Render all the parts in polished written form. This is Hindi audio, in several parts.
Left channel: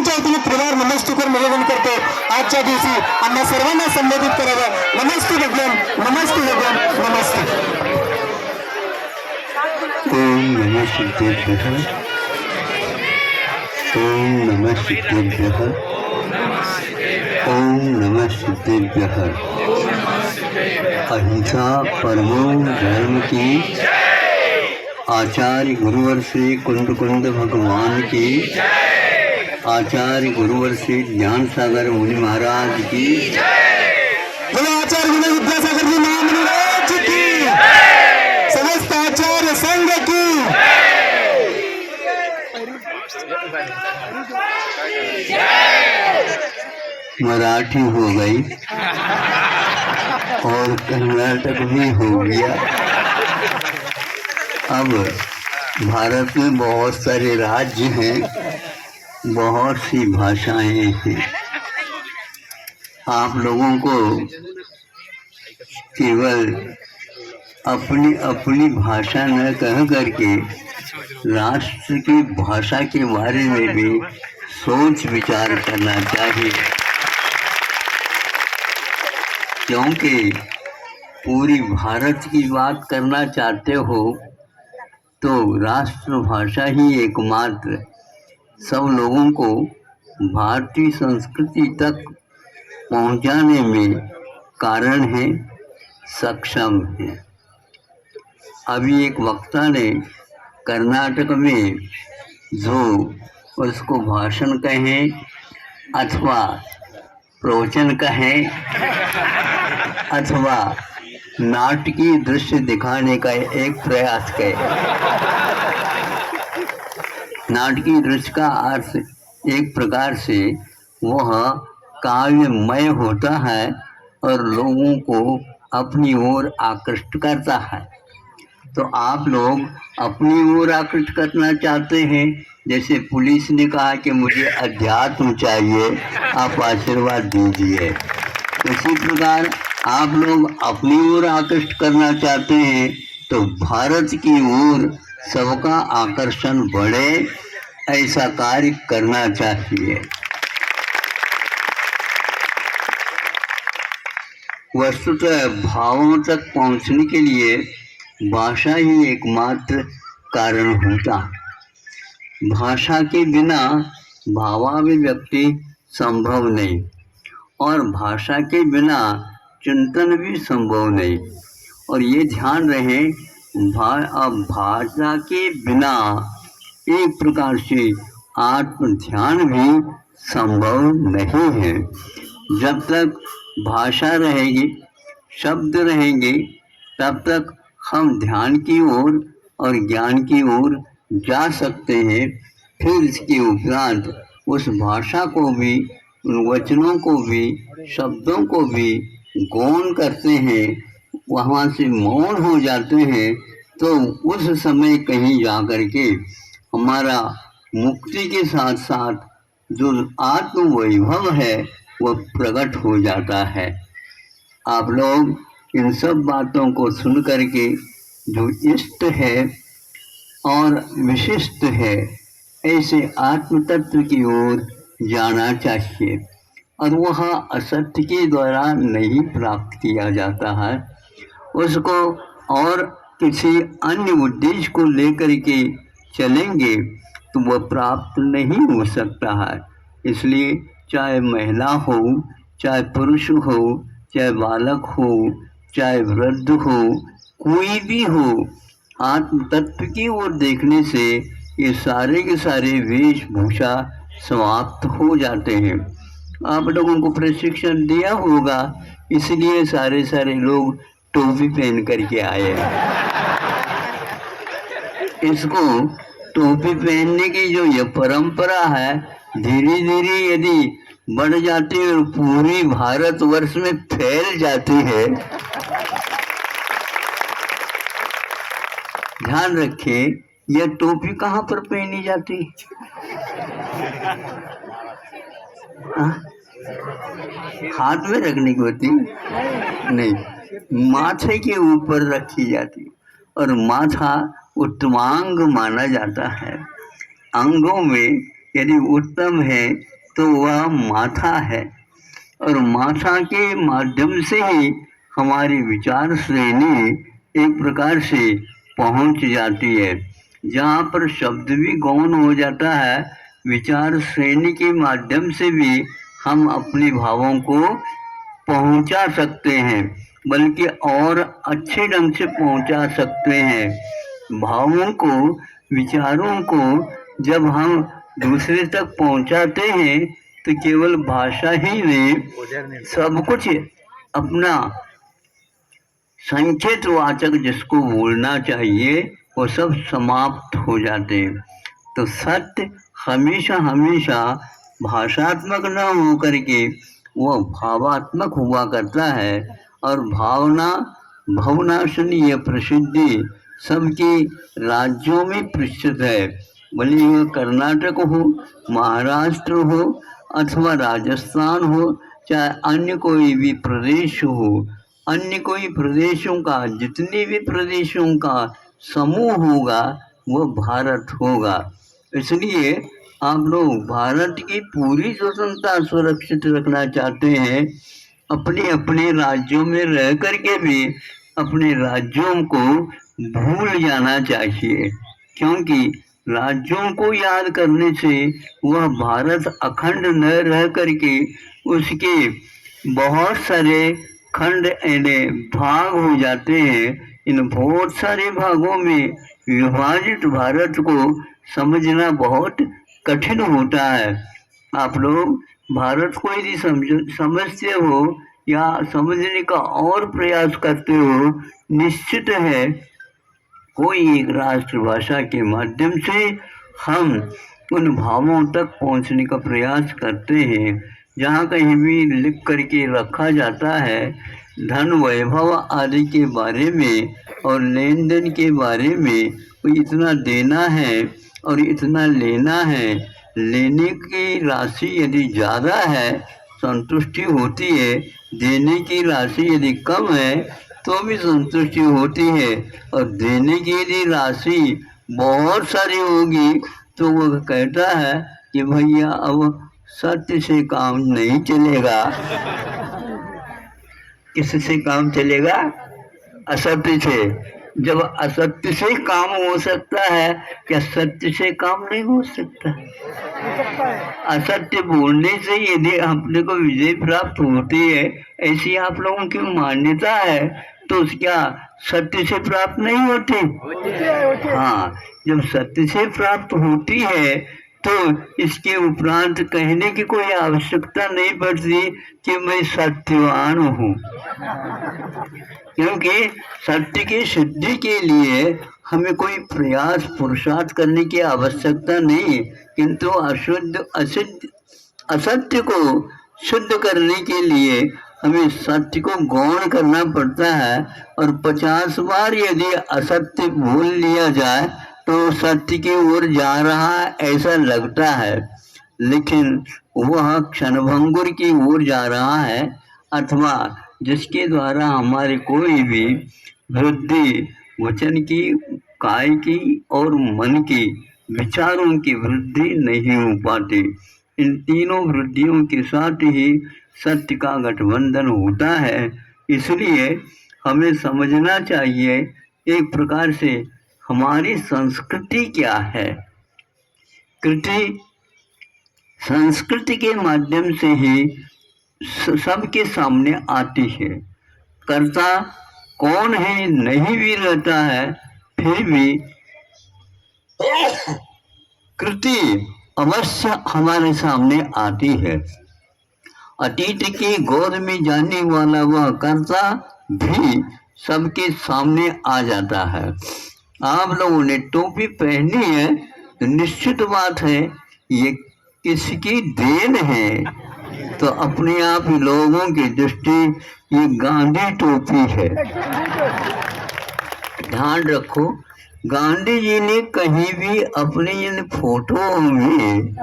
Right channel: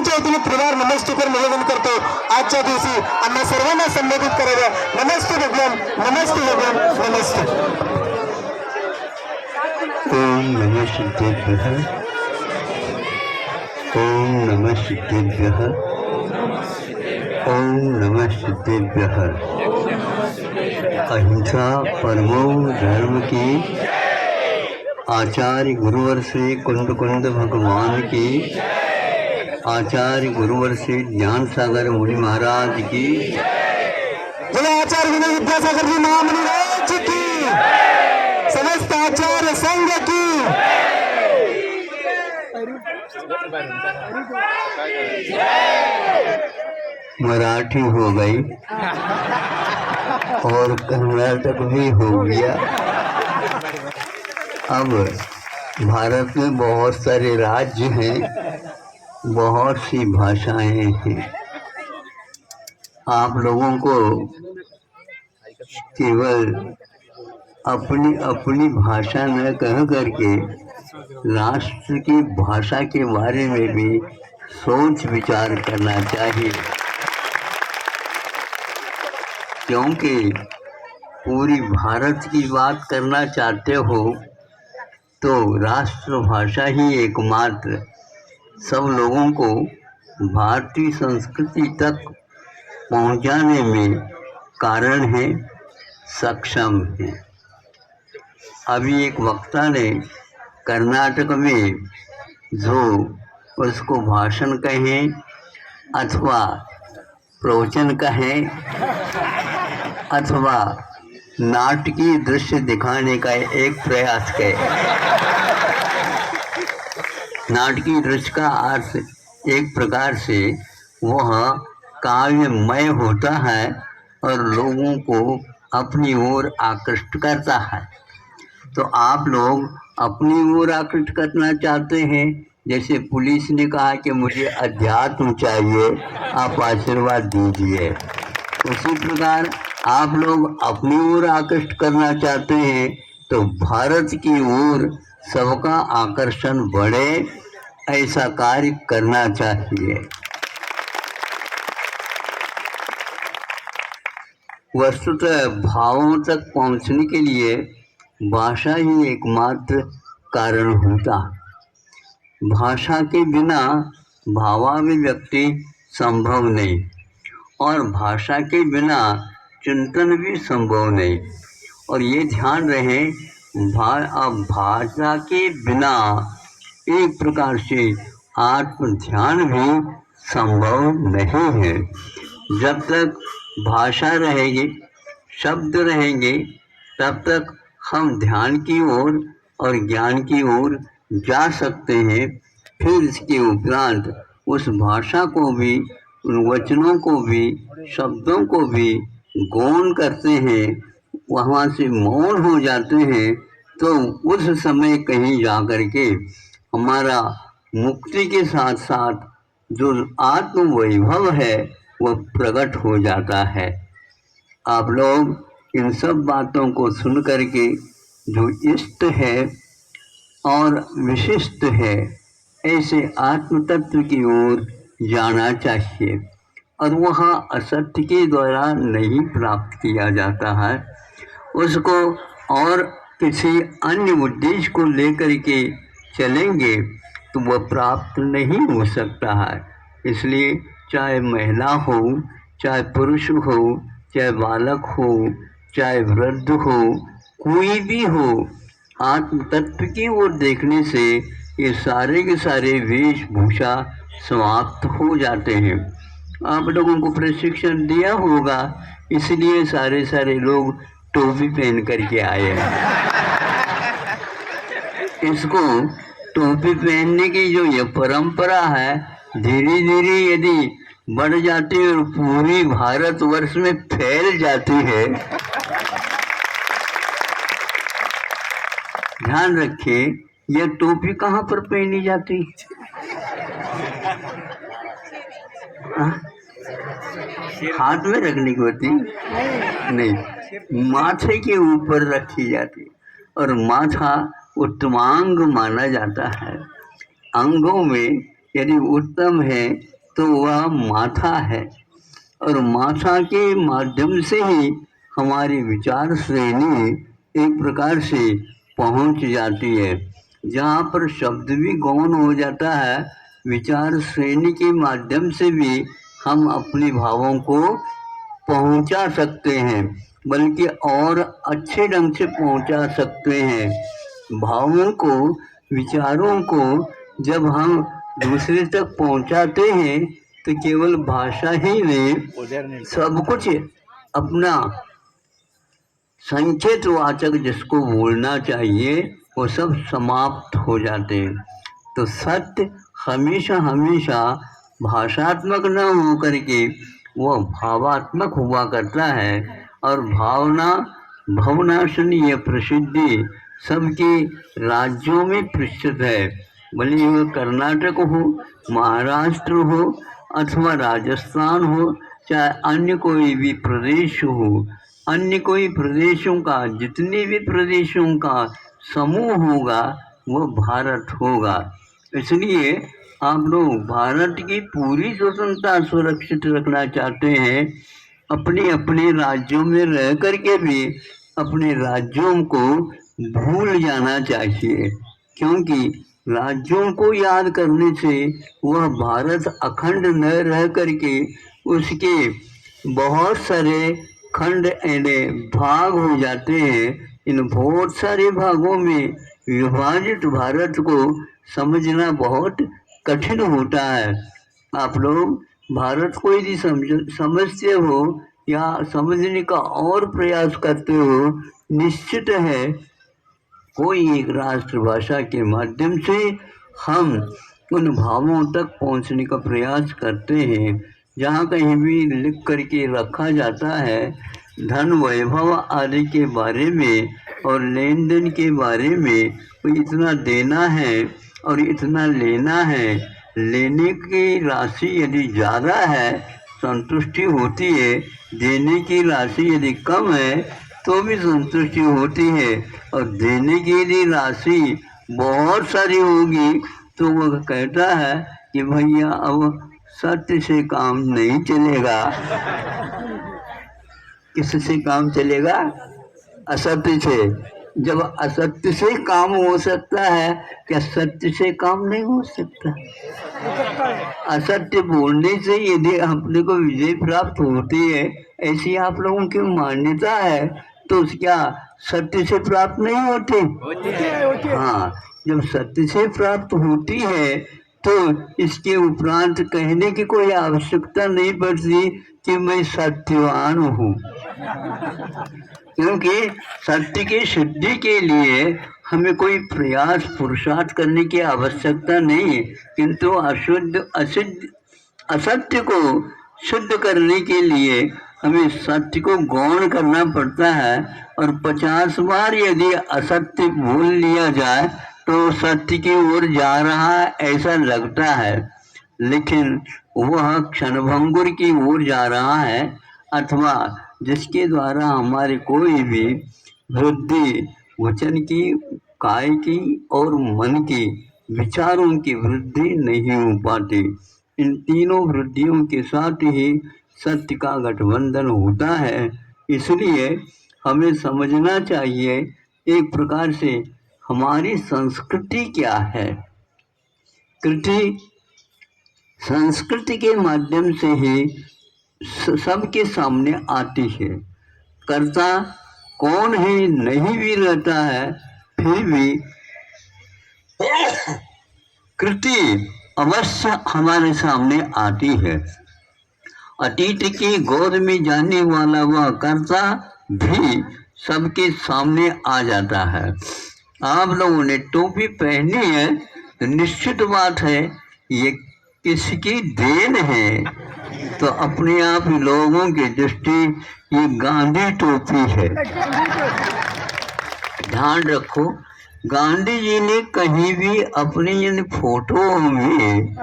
सर्वांच्या वतीने त्रिवार नमस्कार निवेदन करतो। आजच्या दिवशी आम्हा सर्वांना संबोधित करावं। नमस्ते भगवान, नमस्ते भगवान, नमस्ते। ओम नमः शिवाय, ओम नमः शिवाय, ओम नमः शिवाय। अहिंसा परमो धर्म की, आचार्य गुरुवर श्री कुंद कुंद भगवान की, आचार्य गुरुवर श्री ज्ञान सागर मुनि महाराज की, बोलो आचार्य गुरु विद्यासागर जी महामुनि राज की, समस्त आचार्य संघ की। मराठी हो गई और कर्नाटक भी हो गया। अब भारत में बहुत सारे राज्य हैं, बहुत सी भाषाएं हैं। आप लोगों को केवल अपनी अपनी भाषा न कह करके राष्ट्र की भाषा के बारे में भी सोच विचार करना चाहिए, क्योंकि पूरी भारत की बात करना चाहते हो तो राष्ट्रभाषा ही एकमात्र सब लोगों को भारतीय संस्कृति तक पहुंचाने में कारण है, सक्षम है। अभी एक वक्ता ने कर्नाटक में जो उसको भाषण कहें अथवा प्रवचन कहें अथवा नाटकीय दृश्य दिखाने का एक प्रयास किया। नाटकीय दृश्य का अर्थ एक प्रकार से वह काव्यमय होता है और लोगों को अपनी ओर आकृष्ट करता है। तो आप लोग अपनी ओर आकृष्ट करना चाहते हैं, जैसे पुलिस ने कहा कि मुझे अध्यात्म चाहिए, आप आशीर्वाद दीजिए। उसी प्रकार आप लोग अपनी ओर आकृष्ट करना चाहते हैं तो भारत की ओर सबका आकर्षण बढ़े, ऐसा कार्य करना चाहिए। वस्तुतः भावों तक पहुंचने के लिए भाषा ही एकमात्र कारण होता है। भाषा के बिना भावाभिव्यक्ति संभव नहीं और भाषा के बिना चिंतन भी संभव नहीं। और ये ध्यान रहे भाषा के बिना एक प्रकार से आत्म ध्यान भी संभव नहीं है। जब तक भाषा रहेगी, शब्द रहेंगे, तब तक हम ध्यान की ओर और ज्ञान की ओर जा सकते हैं। फिर इसके उपरांत उस भाषा को भी, उन वचनों को भी, शब्दों को भी गौण करते हैं, वहाँ से मौन हो जाते हैं, तो उस समय कहीं जाकर के हमारा मुक्ति के साथ साथ जो आत्म वैभव है वह प्रकट हो जाता है। आप लोग इन सब बातों को सुन करके जो इष्ट है और विशिष्ट है, ऐसे आत्म तत्व की ओर जाना चाहिए। और वह असत्य के द्वारा नहीं प्राप्त किया जाता है, उसको और किसी अन्य उद्देश्य को लेकर के चलेंगे तो वह प्राप्त नहीं हो सकता है। इसलिए चाहे महिला हो, चाहे पुरुष हो, चाहे बालक हो, चाहे वृद्ध हो, कोई भी हो, आत्म तत्व की ओर देखने से ये सारे के सारे वेशभूषा समाप्त हो जाते हैं। आप लोगों को प्रशिक्षण दिया होगा, इसलिए सारे लोग टोपी पहन करके आए हैं। इसको टोपी पहनने की जो ये परंपरा है, धीरे धीरे यदि बढ़ जाती है और पूरी भारतवर्ष में फैल जाती है। ध्यान रखिए, यह टोपी कहाँ पर पहनी जाती है? हाथ में रखने की होती नहीं, माथे के ऊपर रखी जाती। और माथा उत्तमांग माना जाता है। अंगों में यदि उत्तम है तो वह माथा है, और माथा के माध्यम से ही हमारी विचार श्रेणी एक प्रकार से पहुंच जाती है। जहाँ पर शब्द भी गौण हो जाता है, विचार श्रेणी के माध्यम से भी हम अपने भावों को पहुंचा सकते हैं, बल्कि और अच्छे ढंग से पहुंचा सकते हैं। भावों को, विचारों को जब हम दूसरे तक पहुंचाते हैं तो केवल भाषा ही नहीं, सब कुछ अपना संकेत वाचक जिसको बोलना चाहिए वो सब समाप्त हो जाते हैं। तो सत्य हमेशा हमेशा भाषात्मक न हो करके वह भावात्मक हुआ करता है, और भावना भवनाशनीय प्रसिद्धि सबके राज्यों में प्रसिद्ध है। भले वह कर्नाटक हो, महाराष्ट्र हो अथवा राजस्थान हो, चाहे अन्य कोई भी प्रदेश हो, अन्य कोई प्रदेशों का, जितने भी प्रदेशों का समूह होगा वो भारत होगा। इसलिए आप लोग भारत की पूरी स्वतंत्रता सुरक्षित रखना चाहते हैं, अपने अपने राज्यों में रह करके भी अपने राज्यों को भूल जाना चाहिए, क्योंकि राज्यों को याद करने से वह भारत अखंड न रह करके उसके बहुत सारे खंड यानी भाग हो जाते हैं। इन बहुत सारे भागों में विभाजित भारत को समझना बहुत कठिन होता है। आप लोग भारत को यदि समझते हो या समझने का और प्रयास करते हो, निश्चित है कोई एक राष्ट्रभाषा के माध्यम से हम उन भावों तक पहुंचने का प्रयास करते हैं। जहाँ कहीं भी लिख करके रखा जाता है धन वैभव आदि के बारे में और लेन देन के बारे में, तो इतना देना है और इतना लेना है, लेने की राशि यदि ज़्यादा है संतुष्टि होती है, देने की राशि यदि कम है तो भी संतुष्टि होती है, और देने की यदि राशि बहुत सारी होगी तो वह कहता है कि भैया अब सत्य से काम नहीं चलेगा। किससे काम चलेगा? असत्य से। जब असत्य से काम हो सकता है, क्या सत्य से काम नहीं हो सकता? असत्य बोलने से यदि अपने को विजय प्राप्त होती है, ऐसी आप लोगों की मान्यता है, तो क्या सत्य से प्राप्त नहीं होती? हाँ, जब सत्य से प्राप्त होती है तो इसके उपरांत कहने की कोई आवश्यकता नहीं पड़ती कि मैं सत्यवान हूँ, क्योंकि सत्य की सिद्धि के लिए हमें कोई प्रयास पुरुषार्थ करने की आवश्यकता नहीं है, किंतु असत्य को शुद्ध करने के लिए हमें सत्य को गौण करना पड़ता है, और 50 बार यदि असत्य भूल लिया जाए तो सत्य की ओर जा रहा है ऐसा लगता है, लेकिन वह क्षणभंगुर की ओर जा रहा है, अथवा जिसके द्वारा हमारे कोई भी वृद्धि वचन की, काय की और मन की, विचारों की वृद्धि नहीं हो पाती। इन तीनों वृद्धियों के साथ ही सत्य का गठबंधन होता है। इसलिए हमें समझना चाहिए एक प्रकार से हमारी संस्कृति क्या है। कृति संस्कृति के माध्यम से ही सबके सामने आती है। कर्ता कौन है नहीं भी रहता है, फिर भी कृति अवश्य हमारे सामने आती है। अतीत की गोद में जाने वाला वह कर्ता भी सबके सामने आ जाता है। आप लोगों ने टोपी पहनी है तो निश्चित बात है ये किसकी देन है, तो अपने आप लोगों की दृष्टि ये गांधी टोपी है। ध्यान रखो, गांधी जी ने कहीं भी अपने इन फोटो में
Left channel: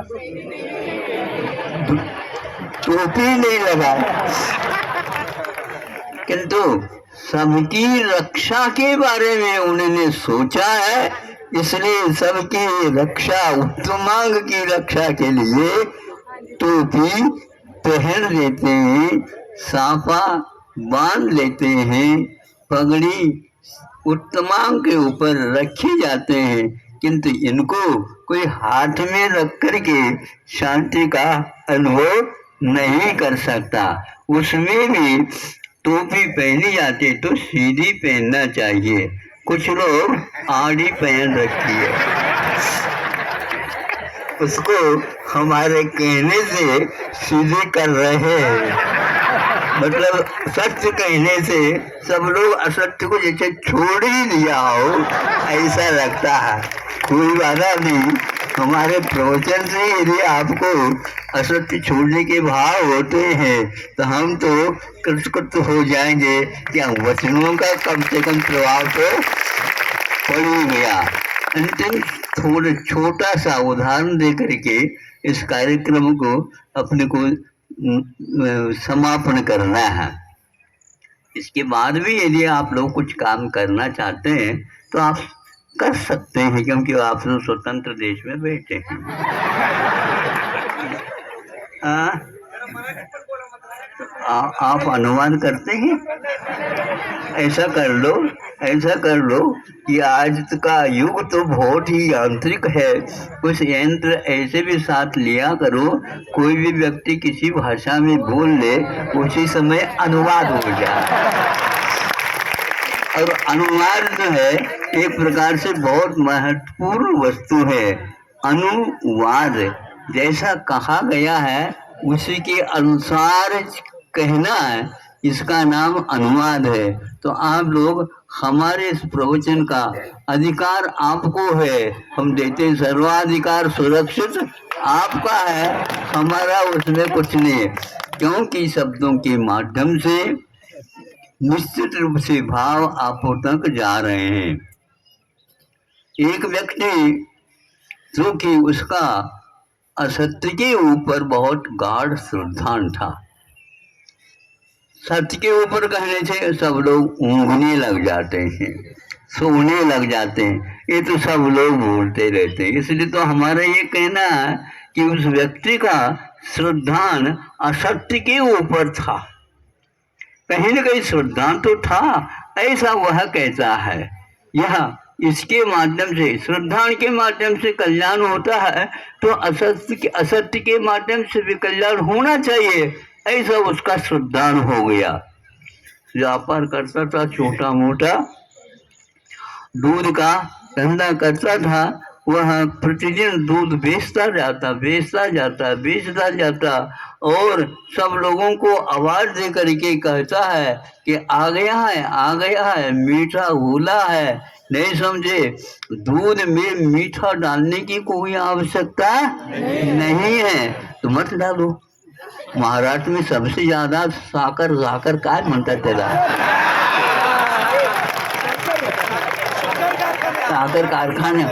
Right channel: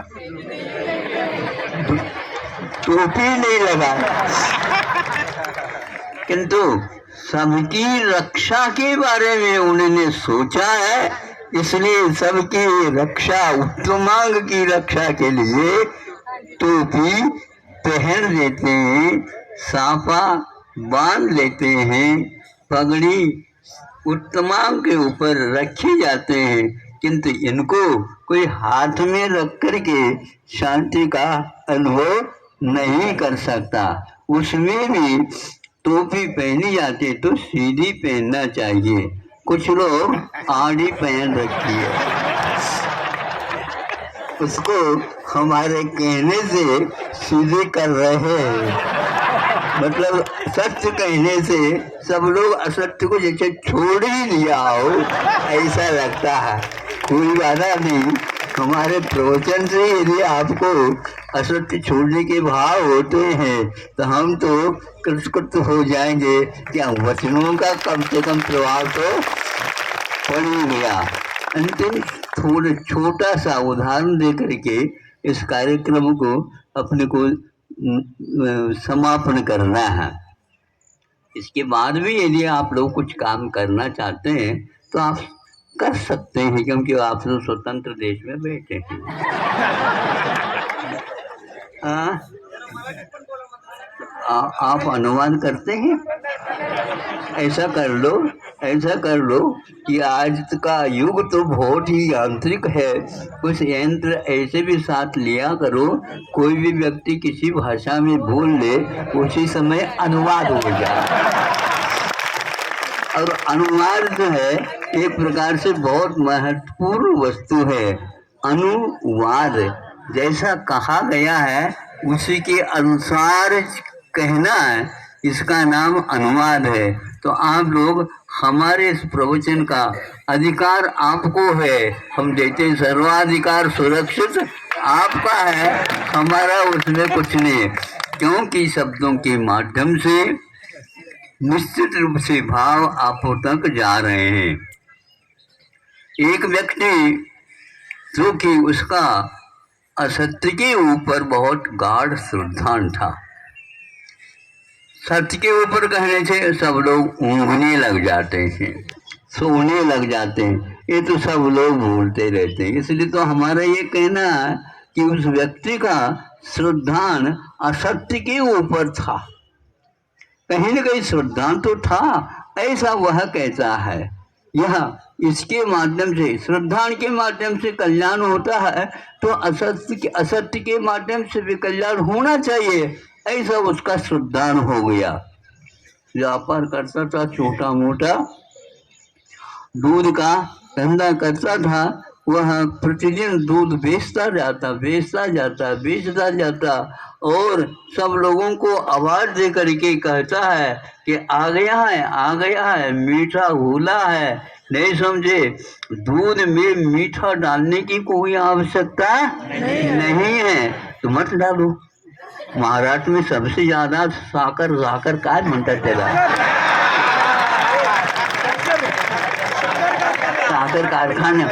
टोपी नहीं लगाया, किंतु सबकी रक्षा के बारे में उन्होंने सोचा है इसलिए सबकी रक्षा, उत्तमांग की रक्षा के लिए टोपी पहन लेते हैं, साफा बांध लेते हैं, पगड़ी उत्तमांग के ऊपर रखी जाते हैं, किंतु इनको कोई हाथ में रख करके शांति का अनुभव नहीं कर सकता। उसमें भी टोपी पहनी जाती तो सीधी पहनना चाहिए, कुछ लोग आड़ी पहन रखी है। उसको हमारे कहने से सीधे कर रहे हैं, मतलब सत्य कहने से सब लोग असत्य को जैसे छोड़ ही दिया हो ऐसा लगता है। कोई बाधा नहीं, हमारे प्रवचन से यदि आपको असत्य छोड़ने के भाव होते हैं तो हम तो कृतकृत हो जाएंगे। क्या वचनों का कम से कम प्रभाव तो पड़ ही गया। अंतिम थोड़ा छोटा सा उदाहरण दे करके इस कार्यक्रम को अपने को समापन करना है। इसके बाद भी यदि आप लोग कुछ काम करना चाहते हैं तो आप कर सकते हैं, क्योंकि आप लोग स्वतंत्र देश में बैठे हैं। आप अनुवाद करते हैं? ऐसा कर लो, ऐसा कर लो कि आज का युग तो बहुत ही यांत्रिक है, कुछ यंत्र ऐसे भी साथ लिया करो, कोई भी व्यक्ति किसी भाषा में बोल ले उसी समय अनुवाद हो जाए। और अनुवाद जो है एक प्रकार से बहुत महत्वपूर्ण वस्तु है। अनुवाद जैसा कहा गया है उसी के अनुसार कहना है, इसका नाम अनुवाद है। तो आप लोग, हमारे इस प्रवचन का अधिकार आपको है, हम देते सर्वाधिकार सुरक्षित आपका है, हमारा उसमें कुछ नहीं है, क्योंकि शब्दों के माध्यम से निश्चित रूप से भाव आपो तक जा रहे हैं। एक व्यक्ति जो कि उसका असत्य के ऊपर बहुत गाढ़ श्रद्धा था, सत्य के ऊपर कहने से सब लोग ऊँघने लग जाते हैं, सोने लग जाते हैं, ये तो सब लोग बोलते रहते हैं। इसलिए तो हमारा ये कहना है कि उस व्यक्ति का श्रद्धान असत्य के ऊपर था, कहीं न कहीं श्रद्धा तो था, ऐसा वह कहता है। यह इसके माध्यम से, श्रद्धा के माध्यम से कल्याण होता है, तो असत्य के माध्यम से भी कल्याण होना चाहिए, ऐसा उसका श्रद्धान हो गया। व्यापार करता था, छोटा मोटा दूध का धंधा करता था, वह प्रतिदिन दूध बेचता जाता और सब लोगों को आवाज दे करके कहता है कि आ गया है, मीठा घोला है। नहीं समझे, दूध में मीठा डालने की कोई आवश्यकता नहीं है, तो मत डालो। महाराष्ट्र में सबसे ज्यादा साकर काय म्हणतात त्याला, साकर कारखाने।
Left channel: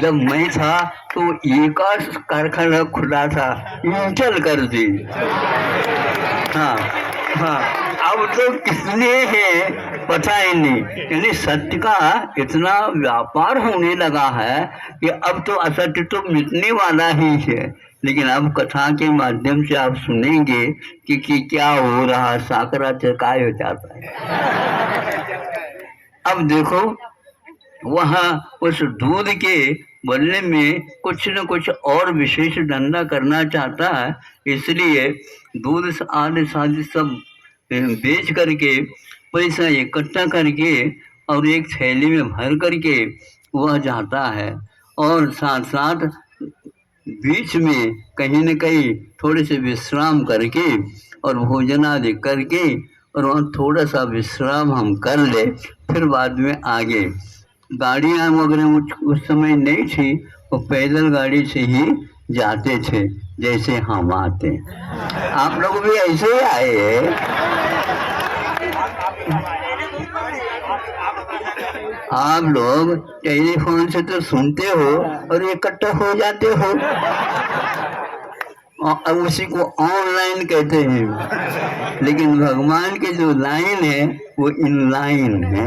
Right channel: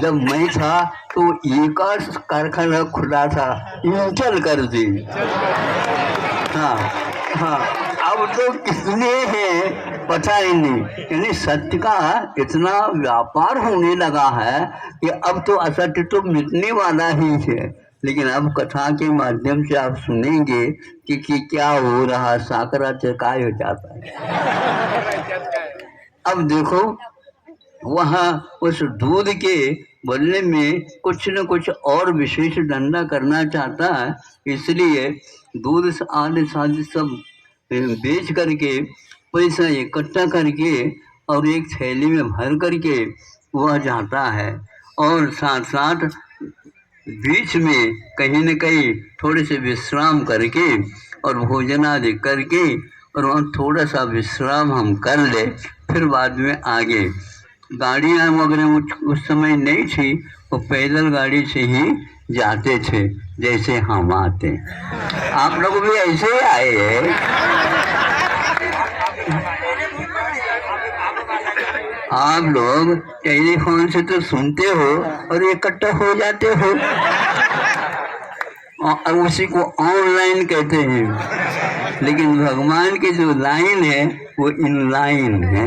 जब मैं था तो एक कारखाना खुला था, चल कर दी। हाँ, अब तो कितने हैं पता ही नहीं। यानी सत्य का इतना व्यापार होने लगा है कि अब तो असत्य तो मिटने वाला ही है। लेकिन अब कथा के माध्यम से आप सुनेंगे कि क्या हो रहा, साकराचे काय हो जाता है। अब देखो, वहाँ उस दूध के बदले में कुछ न कुछ और विशेष धंधा करना चाहता है, इसलिए दूध आदि सब बेच करके पैसा इकट्ठा करके और एक थैली में भर करके वह जाता है, और साथ साथ बीच में कहीं न कहीं थोड़े से विश्राम करके और भोजन आदि करके, और वहाँ थोड़ा सा विश्राम हम कर ले, फिर बाद में आगे। गाड़ियाँ वगैरह उस समय नहीं थी, वो पैदल गाड़ी से ही जाते थे, जैसे हम आते। आप लोग भी ऐसे ही आए हैं। आप लोग टेलीफोन से तो सुनते हो और इकट्ठा हो जाते हो, और उसी को ऑनलाइन कहते हैं। लेकिन भगवान की जो लाइन है वो इनलाइन है।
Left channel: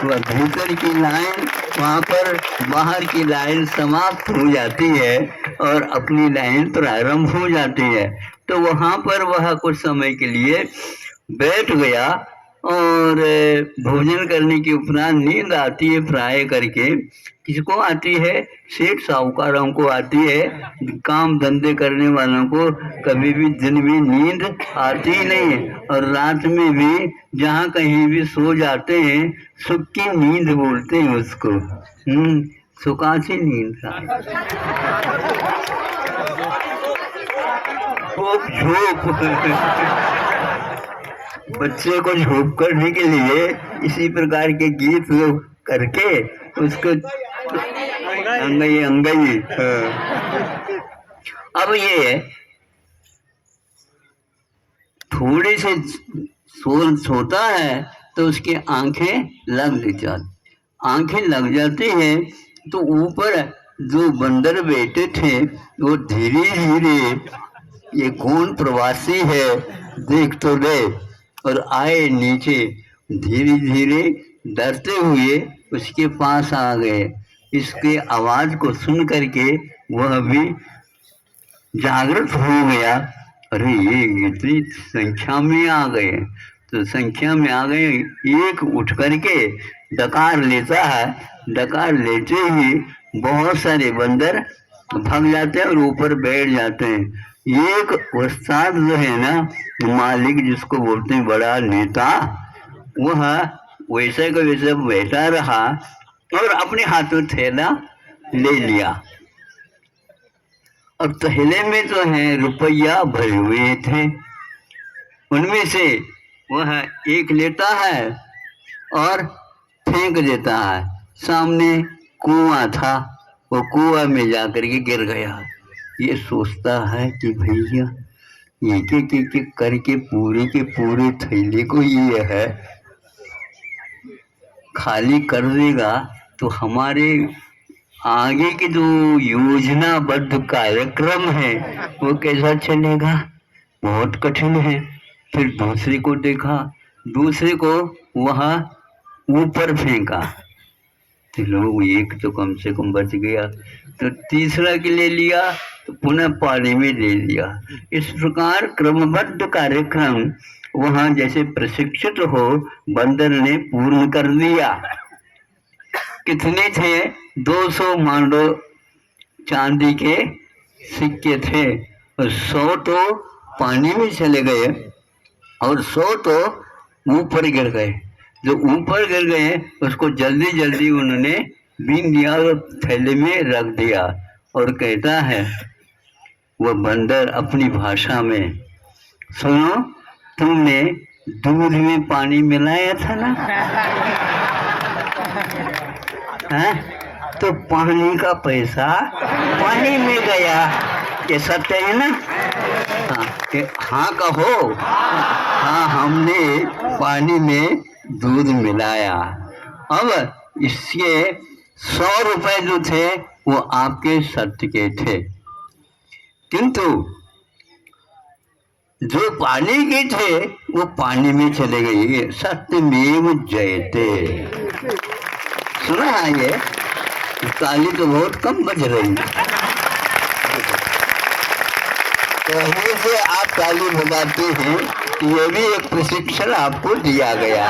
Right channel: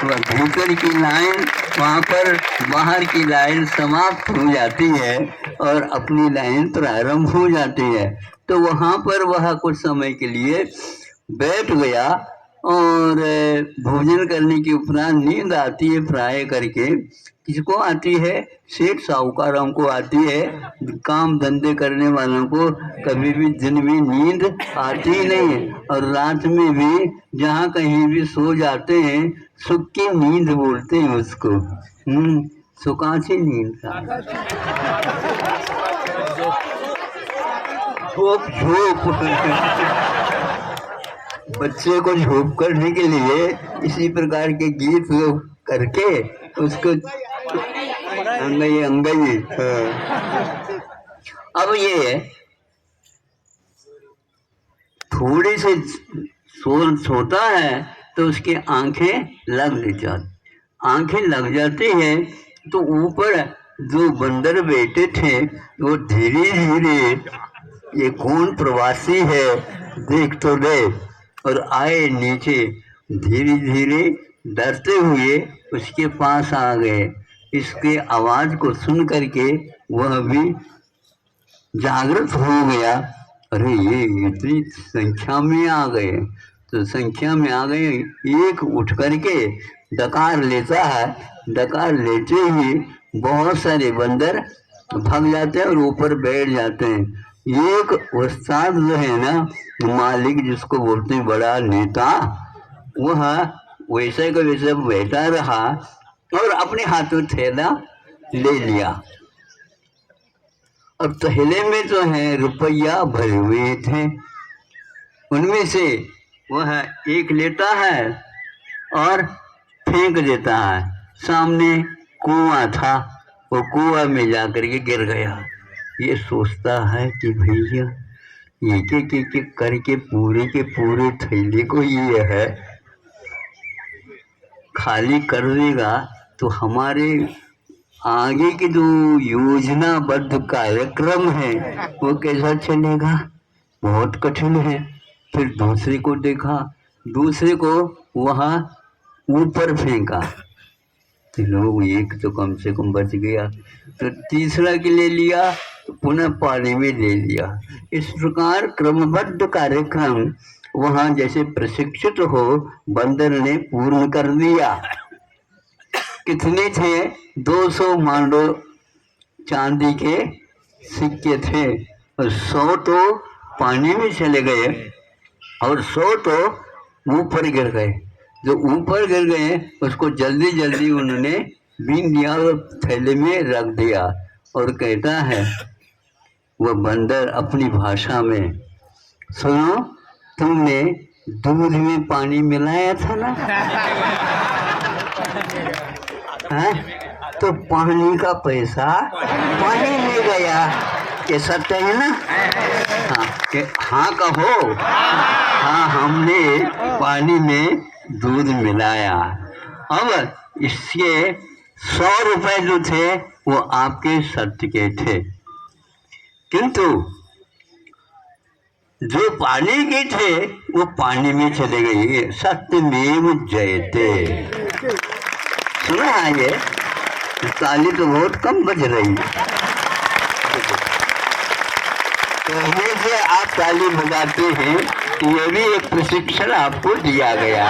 वह भीतर की लाइन वहाँ पर बाहर की लाइन समाप्त हो जाती है और अपनी लाइन प्रारंभ हो जाती है। तो वहाँ पर वह कुछ समय के लिए बैठ गया और भोजन करने के उपरांत नींद आती है प्राय करके। किसको आती है? सेठ साहूकारों को आती है। काम धंधे करने वालों को कभी भी दिन में नींद आती ही नहीं है, और रात में भी जहाँ कहीं भी सो जाते हैं सुख की नींद बोलते हैं उसको। सुखाची नींद का बच्चे को झोंक करने के लिए इसी प्रकार के गीत करके उसको अंगई अंगई। अब ये थोड़े से सोता है तो उसकी आंखें लग जाती हैं। तो ऊपर जो बंदर बैठे थे वो धीरे धीरे ये कौन प्रवासी है देख तो गए और आए नीचे। धीरे धीरे डरते हुए उसके पास आ गए। इसके आवाज को सुन करके वह भी जागृत हो गया। अरे ये इतनी संख्या में आ गए। तो संख्या में आ गए, एक उठ करके डकार लेता है। डकार लेते ही बहुत सारे बंदर भाग जाते हैं और ऊपर बैठ जाते हैं। एक उस्ताद जो है ना, मालिक जिसको बोलते हैं, बड़ा नेता, वह वैसे का वैसे बैठा रहा और अपने हाथों थैला ले लिया। और थैले में जो है रुपया भरे हुए थे। उनमें से वह एक लेता है और फेंक देता है। सामने कुआं था, वो कुआं में जाकर के गिर गया। ये सोचता है कि भैया एक एक करके पूरे के पूरे थैले को ये है खाली कर देगा तो हमारे आगे के जो योजनाबद्ध कार्यक्रम है वो कैसा चलेगा? बहुत कठिन है। फिर दूसरे को देखा, दूसरे को वहाँ ऊपर फेंका तो लोग एक तो कम से कम बच गया। तो तीसरा के ले लिया तो पुनः पानी में ले लिया। इस प्रकार क्रमबद्ध कार्यक्रम वहाँ जैसे प्रशिक्षित हो बंदर ने पूर्ण कर दिया। कितने थे? 200 मांडो चांदी के सिक्के थे और 100 तो पानी में चले गए और 100 तो ऊपर गिर गए। जो ऊपर गिर गए उसको जल्दी जल्दी उन्होंने बीन दिया और थैले में रख दिया। और कहता है वह बंदर अपनी भाषा में, सुनो, तुमने दूध में पानी मिलाया था ना? है? तो पानी का पैसा पानी में गया। ये सत्य है ना? हाँ कहो। हाँ, हमने पानी में दूध मिलाया। अब इसके 100 रुपए जो थे वो आपके सत्य के थे, किंतु जो पानी के थे वो पानी में चले गए। सत्यमेव जयते। सुना है ये? ताली तो बहुत कम बज रही। कहीं से आप ताली बजाते हैं, ये भी एक प्रशिक्षण आपको दिया गया।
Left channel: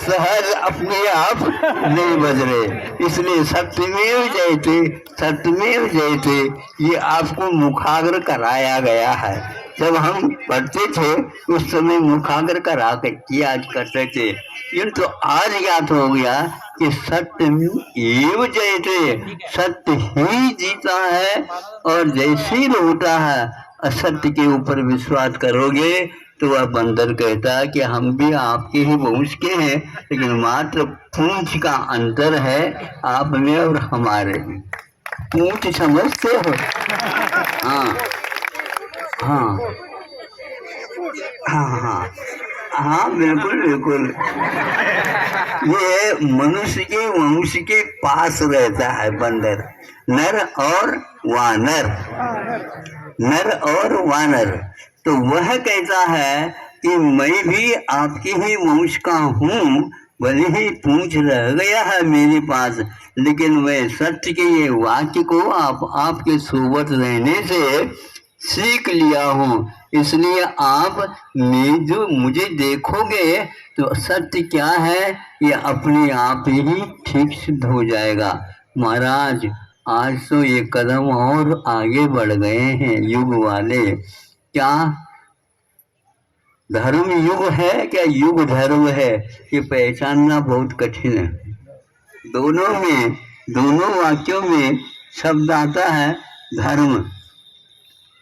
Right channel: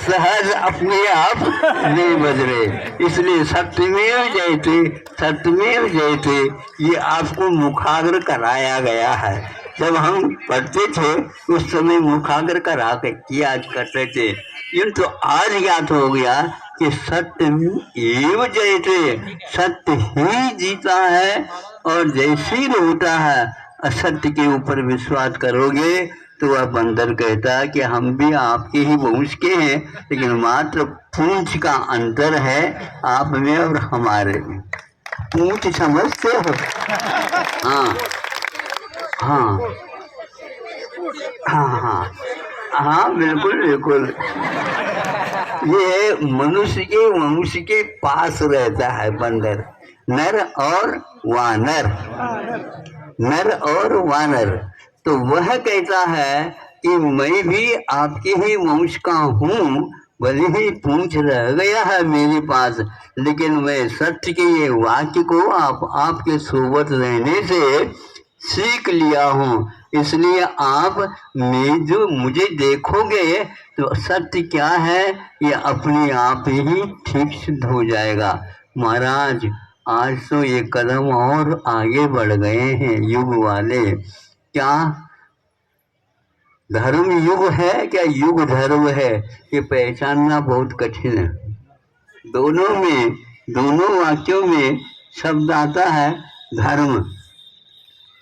सहज अपने आप नहीं बज रहे, इसलिए सत्यमेव जयते, सत्यमेव जयते ये आपको मुखाग्र कराया गया है। जब हम पढ़ते थे उस समय मुखाग्र करा के किया करते थे, किंतु आज ज्ञात हो गया कि सत्य एव जयते, सत्य ही जीता है। और जैसे ही होता है असत्य के ऊपर विश्वास करोगे तो वह बंदर कहता है कि हम भी आपके ही वंश के हैं, लेकिन मात्र पूंछ का अंतर है आप में और हमारे में। पूंछ समझते हो? हाँ हाँ हाँ हाँ। हाँ बिल्कुल बिल्कुल, ये मनुष्य के पास रहता है बंदर, नर और वानर, नर और वानर। तो वह कहता है कि मैं भी आपके ही वंश का हूँ, भले ही पूंछ रह गया है मेरे पास, लेकिन मैं सत्य के ये वाक्य को आपके सोबत रहने से सीख लिया हूँ। इसलिए आप जो मुझे देखोगे तो सत्य क्या है ये अपने आप ही ठीक सिद्ध हो जाएगा। महाराज आज तो ये कदम और आगे बढ़ गए हैं युग वाले। क्या धर्म युग है, क्या युग धर्म है, ये पहचानना बहुत कठिन है। दोनों वाक्यों में शब्द आता है धर्म।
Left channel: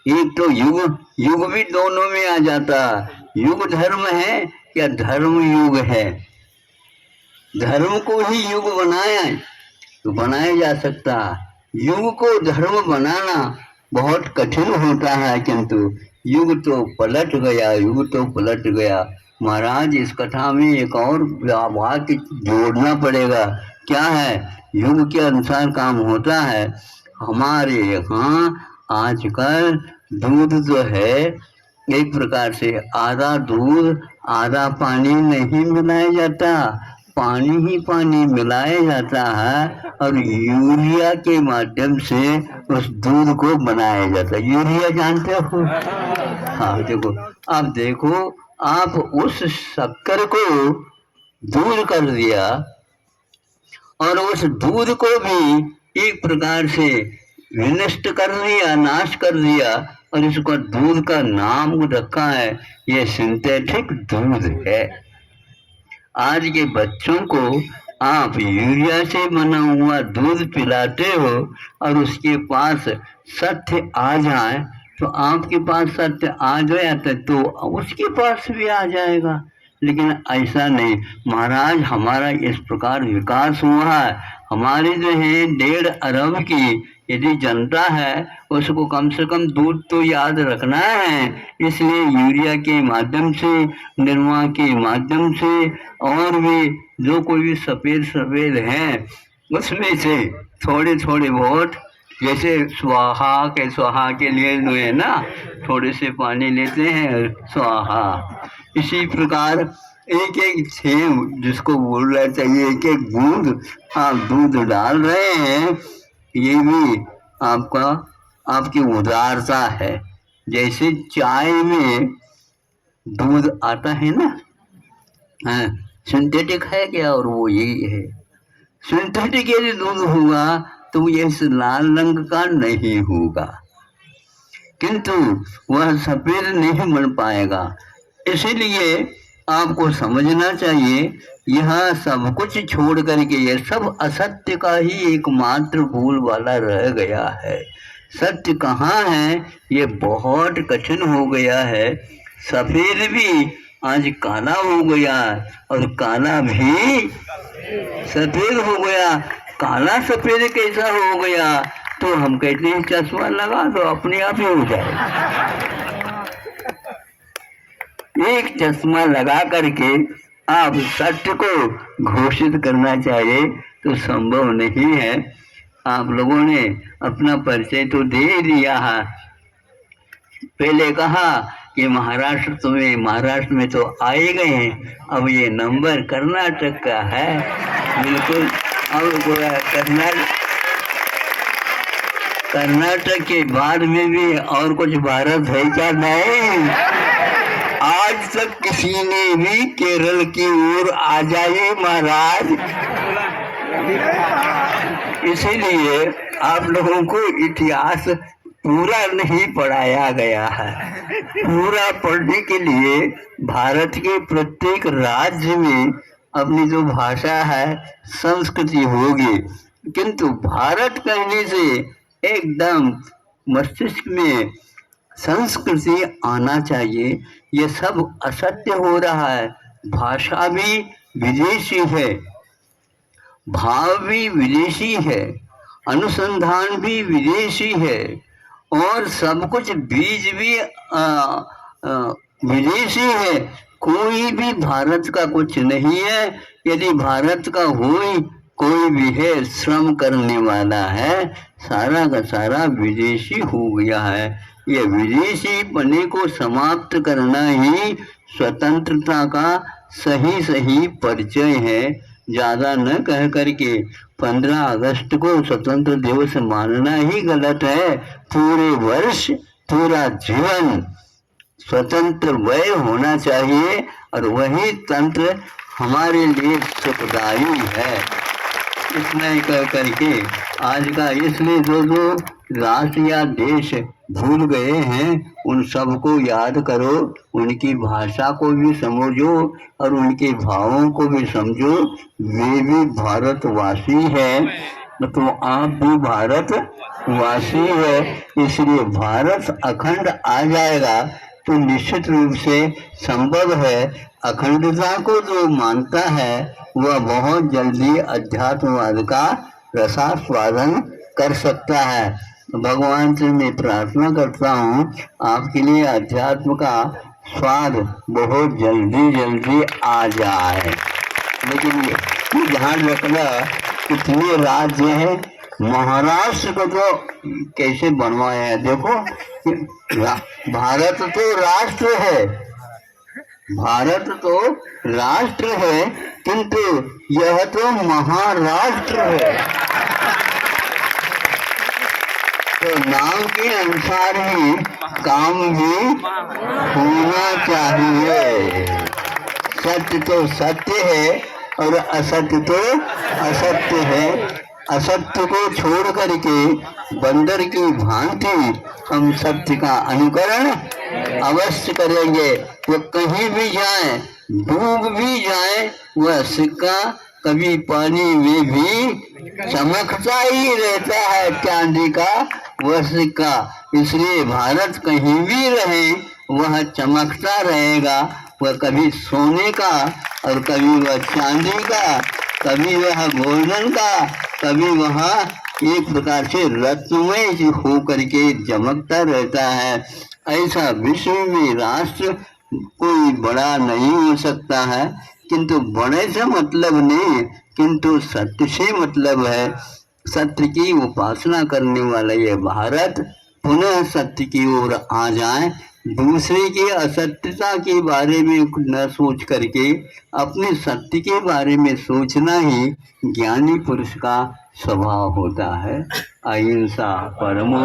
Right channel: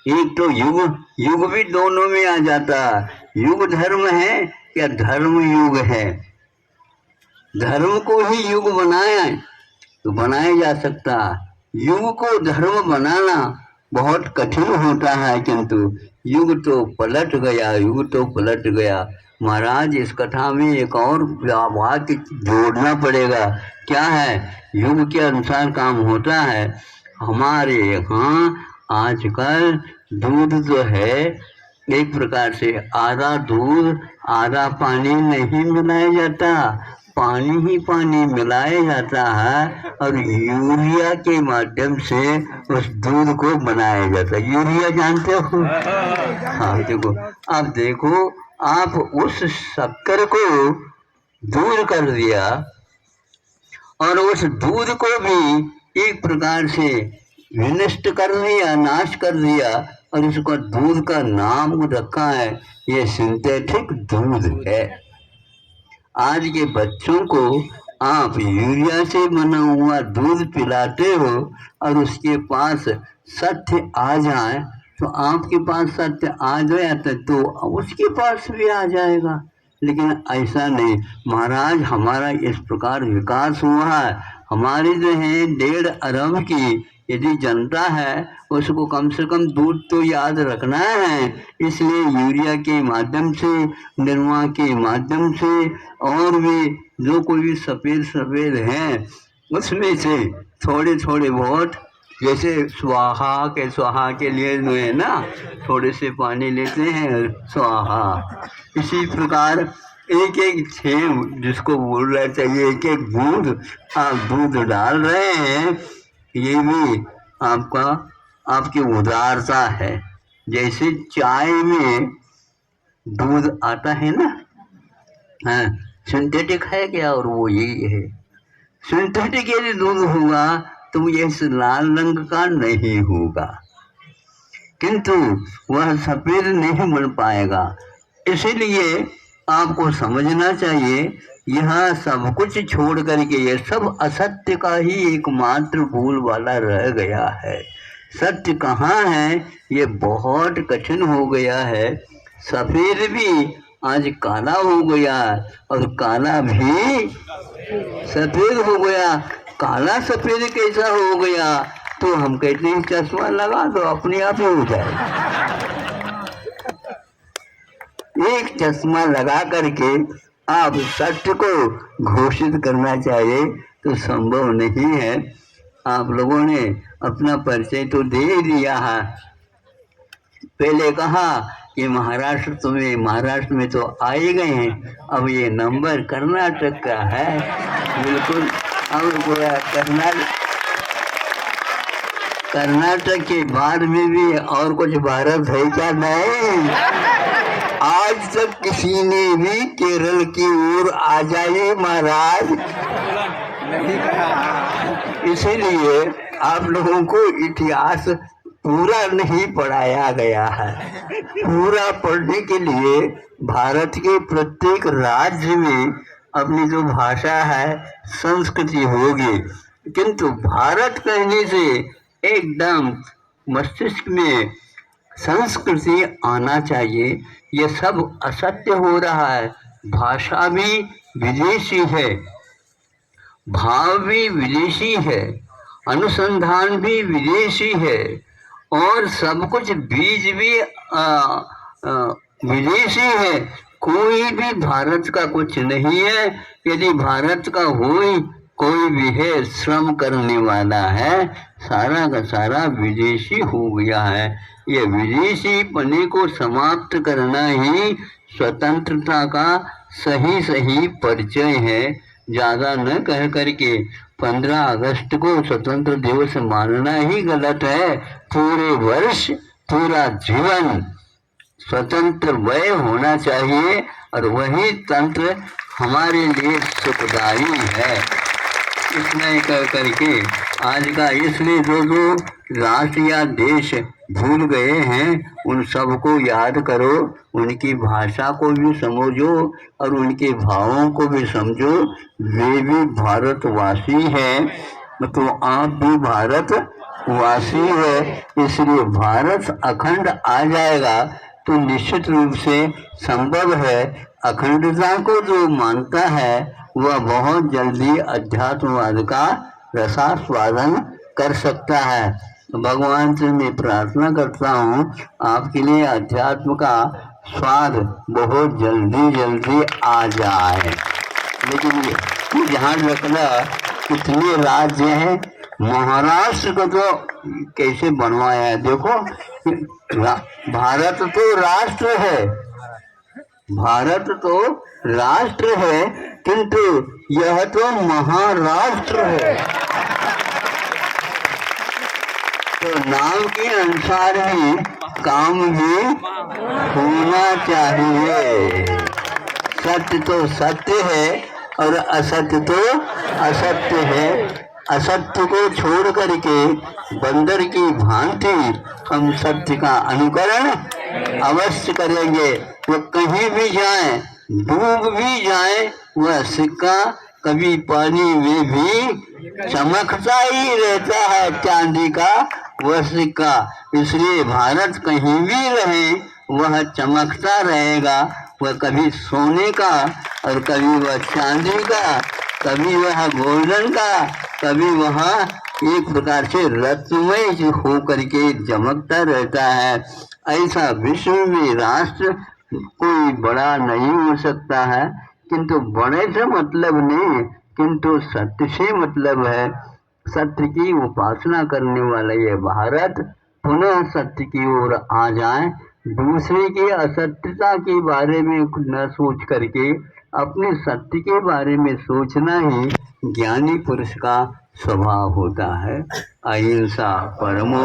एक तो युग भी दोनों में आ जाता। युग धर्म है या धर्म युग है। धर्म को ही युग बनाया तो बनाया जा सकता, युग को धर्म बनाना बहुत कठिन होता है, किंतु युग तो पलट गया। महाराज इस कथा में एक और वाक्य जोड़ना पड़ेगा। क्या है? युग के अनुसार काम होता है। हमारे यहाँ आजकल दूध जो है एक प्रकार से आधा दूध आधा पानी नहीं मिलाया जाता, पानी ही पानी मिलाया जाता है और यूरिया के माध्यम से उस दूध को बनाया जाता है। यूरिया जानते हो? हाँ देखो, अब देखो आप उस शक्कर को दूध कर दिया और उस दूध को भी एक प्रकार से विनष्ट कर दिया, नाश कर दिया और इसको दूध का नाम रखा है ये सिंथेटिक दूध है। आज के बच्चों को आप यूरिया से बना हुआ दूध पिलाते हो और उसके पास सत्य आ जाए तो आपके पास सत्य आ गया तो उसके पास भी आ जाएगा, लेकिन ऐसा नहीं। महाराज हमारा इस प्रकार विकास हुआ है, हमारी जो है 1.5 अरब की यदि जनता है उसको कम से कम दूध तो याद रखना है, इसलिए यूरिया के माध्यम से, निर्मा के माध्यम से और भी जो कोई भी सफ़ेद हैं उसमें से थोड़े बहुत, जैसे स्वाहा के लिए जो है ना थोड़े से पानी लेते हैं स्वाहा, इसी प्रकार एक छेम जिसको बोलना चाहिए एक बूंद आप दूध डाल रहे हैं, ये भी आपकी उदारता है। जैसे चाय में दूध आता है ना, हाँ सिंथेटिक है क्या, और वो यही है। सिंथेटिक यदि दूध होगा तो ये इस लाल रंग का नहीं होगा, किंतु वह सफेद नहीं बन पाएगा। इसीलिए आपको समझना चाहिए यह सब कुछ छोड़ करके ये सब असत्य का ही एकमात्र भूल वाला रह गया है। सत्य कहाँ है ये बहुत कठिन हो गया है। सफेद भी आज काला हो गया और काला भी सफेद हो गया। काला सफेद कैसा हो गया तो हम कहते हैं चश्मा लगा दो अपने आप ही हो जाए। एक चश्मा लगा करके आप सत्य को घोषित करना चाहिए तो संभव नहीं है। आप लोगों ने अपना परिचय तो दे दिया है, पहले कहा कि महाराष्ट्र में तो आए गए हैं, अब ये नंबर कर्नाटक का है। बिल्कुल, अब कर्नाटक के बाद में भी और कुछ भारत है क्या? नहीं, आज तक किसी ने भी केरल की ओर आ जाए महाराज। इसीलिए आप लोगों को इतिहास पूरा नहीं पढ़ाया गया है। पूरा पढ़ने के लिए भारत के प्रत्येक राज्य में अपनी जो भाषा है संस्कृति होगी, किंतु भारत कहने से एकदम मस्तिष्क में संस्कृति आना चाहिए। ये सब असत्य हो रहा है। भाषा भी विदेशी है, भाव भी विदेशी है, अनुसंधान भी विदेशी है और सब कुछ बीज भी विदेशी है। कोई भी भारत का कुछ नहीं है। यदि भारत का कोई भी है, श्रम करने वाला है, सारा का सारा विदेशी हो गया है। ये विदेशी पने को समाप्त करना ही स्वतंत्रता का सही सही परिचय है। ज़्यादा न कह करके 15 अगस्त को स्वतंत्र दिवस मानना ही गलत है। पूरे वर्ष, पूरा जीवन स्वतंत्र वय होना चाहिए और वही तंत्र हमारे लिए सुखदायी है। इतना कह करके आज का इसलिए जो राष्ट्र या देश भूल गए हैं उन सबको याद करो, उनकी भाषा को भी समझो और उनके भावों को भी समझो। वे भी भारतवासी हैं, तो आप भी भारतवासी है। इसलिए भारत अखंड आ जाएगा तो निश्चित रूप से संभव है। अखंडता को जो मानता है वह बहुत जल्दी अध्यात्मवाद का रसास्वादन कर सकता है। भगवान से मैं प्रार्थना करता हूँ आपके लिए अध्यात्म का स्वाद बहुत जल्दी जल्दी आ जाए। लेकिन ये ध्यान रखना, इतने राज्य हैं, महाराष्ट्र को तो कैसे बनवाया है। देखो भारत तो राष्ट्र है, भारत तो राष्ट्र है, किंतु यह तो महाराष्ट्र है। तो नाम के अनुसार ही काम भी होना चाहिए। सत्य तो सत्य है और असत्य तो असत्य है। असत्य को छोड़ करके बंदर की भांति हम सत्य का अनुकरण अवश्य करेंगे। वो कहीं भी जाए, डूब भी जाए, वह सिक्का कभी पानी में भी चमकता ही रहता है, चांदी का वह सिक्का। इसलिए भारत कहीं भी रहे वह चमकता रहेगा। वह कभी सोने का और कभी वह चांदी का, कभी वह गोल्डन का, कभी वहाँ एक प्रकार से रत्नमय हो करके चमकता रहता है। ऐसा विश्व में राष्ट्र कोई बड़ा नहीं हो सकता है, किंतु बड़े से मतलब नहीं, किंतु सत्य से मतलब है। सत्य की उपासना करने वाला ये भारत पुनः सत्य की ओर आ जाए, दूसरे की असत्यता के बारे में न सोच करके अपने सत्य के बारे में सोचना ही ज्ञानी पुरुष का स्वभाव होता है। अहिंसा परमो